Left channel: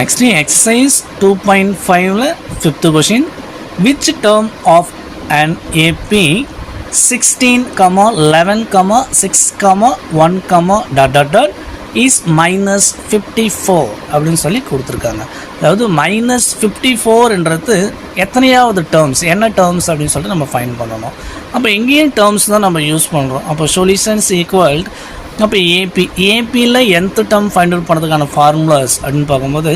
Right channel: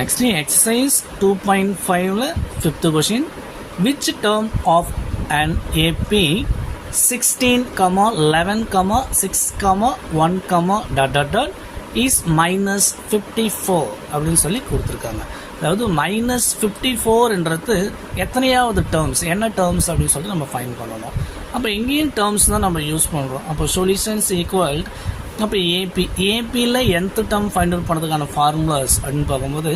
next exercise 2.5 fifth question. Which term of an AP 16, 11, 6, 1, ... is minus 54 அப்படின்னு சொல்லி கொடுத்துருக்காங்க. அதாவது மைனஸ் 54ன்றது எத்தனையாவது டேர்ம்ஸ், என்ன டேர்ம்ஸ் அப்படின்னு சொல்லிட்டு நம்ம ஃபைண்ட் பண்ணணும். அப்போ எங்கேயும் டேர்ம்ஸ் தான் நம்ம யூஸ் பண்ணுறோம். அப்போ சொல்யூஷன்ஸ் ஈக்குவல் அப்போ ஏபியில் nth டேர்ம் ஃபைண்ட் அவுட் பண்ணுறதுக்கான ஃபார்முலாஸ் அப்படின்னு பார்க்கும்போது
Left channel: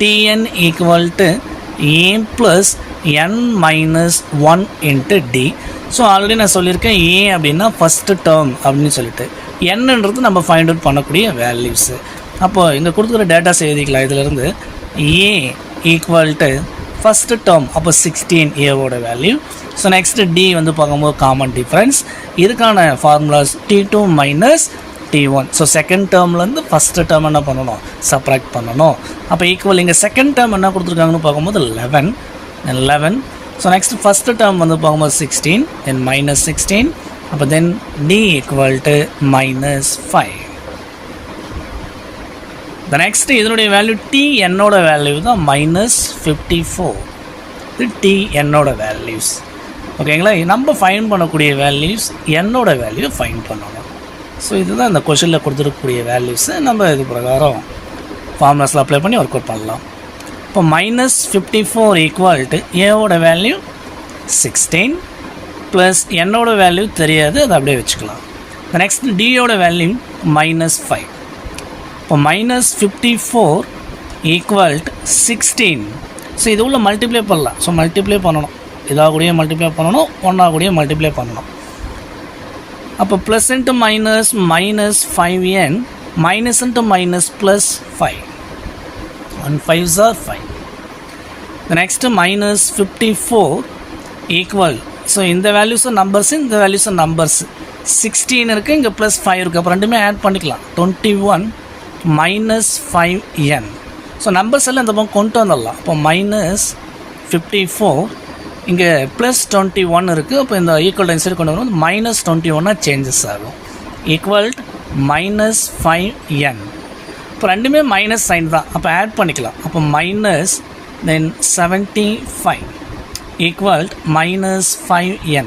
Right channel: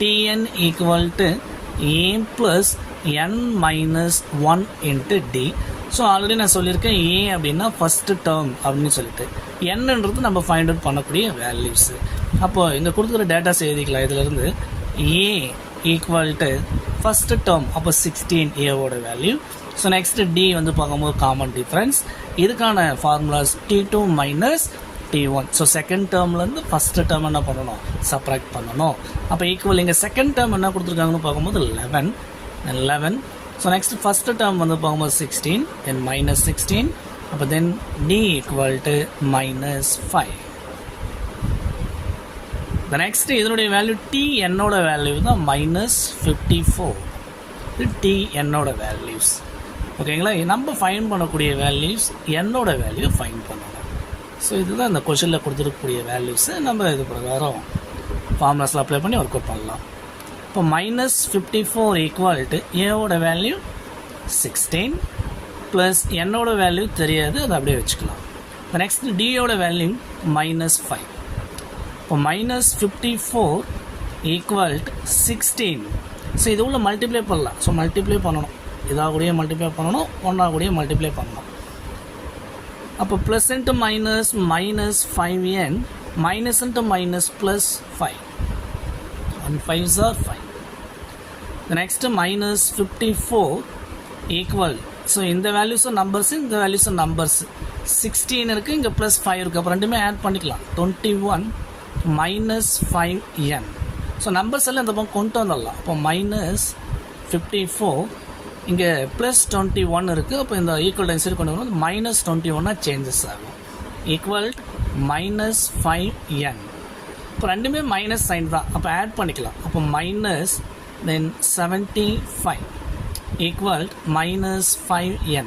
T N equal to A plus n minus 1 into D. So already நான் சொல்லியிருக்கேன் ஏ அப்படின்னா ஃபஸ்ட்டு டேர்ம் அப்படின்னு சொல்லிட்டு என்னன்றது நம்ம ஃபைண்ட் அவுட் பண்ணக்கூடிய வேல்யூஸு. அப்போது இங்கே கொடுத்துக்கிற டேட்டாஸ் எழுதிக்கலாம். இதிலேருந்து A equal to first term அப்போ 16 ஏவோட வேல்யூ. ஸோ நெக்ஸ்ட்டு டி வந்து பார்க்கும்போது காமன் டிஃப்ரென்ஸ். இதுக்கான formulas T2 minus T1. So second டேர்ம்லேருந்து ஃபஸ்ட்டு டேர்ம் என்ன பண்ணணும், சப்ராக்ட் பண்ணணும். அப்போ ஈக்குவல் இங்கே செகண்ட் டேர்ம் என்ன கொடுத்துருக்காங்கன்னு பார்க்கும்போது 11. ஸோ நெக்ஸ்ட் ஃபஸ்ட்டு டேர்ம் வந்து பார்க்கும்போது 16 தென் மைனஸ் 16. அப்போ then D equal to minus 5. The next இதனுடைய வேல்யூ டி என்னோட வேல்யூ தான் மைனஸ் 54. இது டி என்னோட வேல்யூஸ். ஓகேங்களா, நம்ம ஃபைன் பண்ணக்கூடிய வேல்யூஸ் என்னோட வேல்யூ ஃபைன் பண்ணணும். ஸோ இதுதான் இந்த கொஷனில் கொடுத்துருக்கக்கூடிய வேல்யூஸை நம்ம இது பிரகாரம் ஃபார்முலாஸில் அப்ளை பண்ணி ஒர்க் அவுட் பண்ணலாம். இப்போ மைனஸ் 54 ஈக்குவல் டு ஏவோட வேல்யூ 16 ப்ளஸ் என்னோட வேல்யூ தெரியாது, அதை அப்படியே வச்சுக்கலாம். நெக்ஸ்ட் டியோட வேல்யூ மைனஸ் 5. இப்போ மைனஸ் 54 ஈக்குவல் டு 16. ஸோ இது உள்ள மல்டிப்ளை பண்ணலாம். ஸோ மல்டிப்ளை பண்ணணும், இதாக கூடயே மல்டிப்ளை பண்ணணும், ஒன்றா கூடயே மல்டிப்ளை பண்ணணும். அப்போ plus into minus minus 5n minus into minus plus 5. 1 5s are 5. The next minus 54 equal. So இந்த வேல்யூஸு நம்பர்ஸ், இந்த வேல்யூஸு நம்பர்ஸ். 16 இருக்குது, இங்கே ப்ளஸ் 5 இருக்குது. அப்போ ரெண்டுமே ஆட் பண்ணிக்கலாம். 21 மைனஸ் 5n. ஸோ நம்பர்ஸ் எல்லாம் இந்த பக்கம் கொண்டு வந்துடலாம். அப்போ மைனஸ் 54 இங்கே ப்ளஸ் 21 இருக்குது. அப்போ இந்த ஈக்குவல் டைம் சைடு கொண்டு வரும்போது மைனஸ் 21 சேஞ்சஸ் ஆகும். Equal minus 5n. இப்போ ரெண்டுமே மைனஸ் சைன் தான், அப்போ ஆட் பண்ணிக்கலாம். அப்போ மைனஸ் தென் 75 ஈக்குவல் மைனஸ் 5n.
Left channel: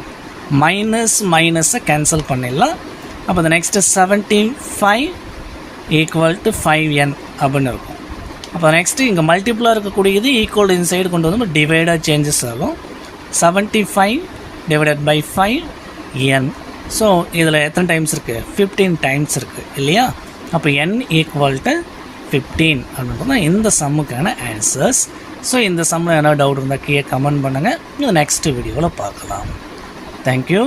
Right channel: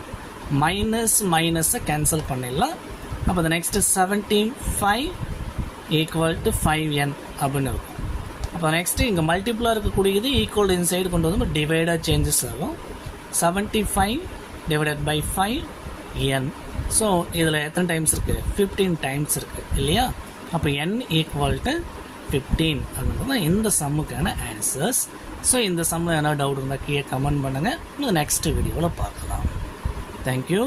மைனஸ் மைனஸை கேன்சல் பண்ணிடலாம். அப்போ இந்த நெக்ஸ்ட்டு 75 ஈக்குவல் டு 5n அப்படின்னு இருக்கும். அப்போ நெக்ஸ்ட்டு இங்கே மல்டிப்ளாக இருக்கக்கூடியது ஈக்குவல் இன்சைடு கொண்டு வந்து டிவைடாக சேஞ்சஸ் ஆகும். 75 டிவைடட் பை 5n. ஸோ இதில் எத்தனை டைம்ஸ் இருக்குது, 15 டைம்ஸ் இருக்குது இல்லையா. அப்போ n ஈக்குவல் டு 15 அப்படின்றது தான் இந்த சம்முக்கான ஆன்சர்ஸ். ஸோ இந்த சம்மில் என்ன டவுட் இருந்தால் கீழே கமெண்ட் பண்ணுங்கள். இது நெக்ஸ்ட் வீடியோவில் பார்க்கலாம். தேங்க்யூ.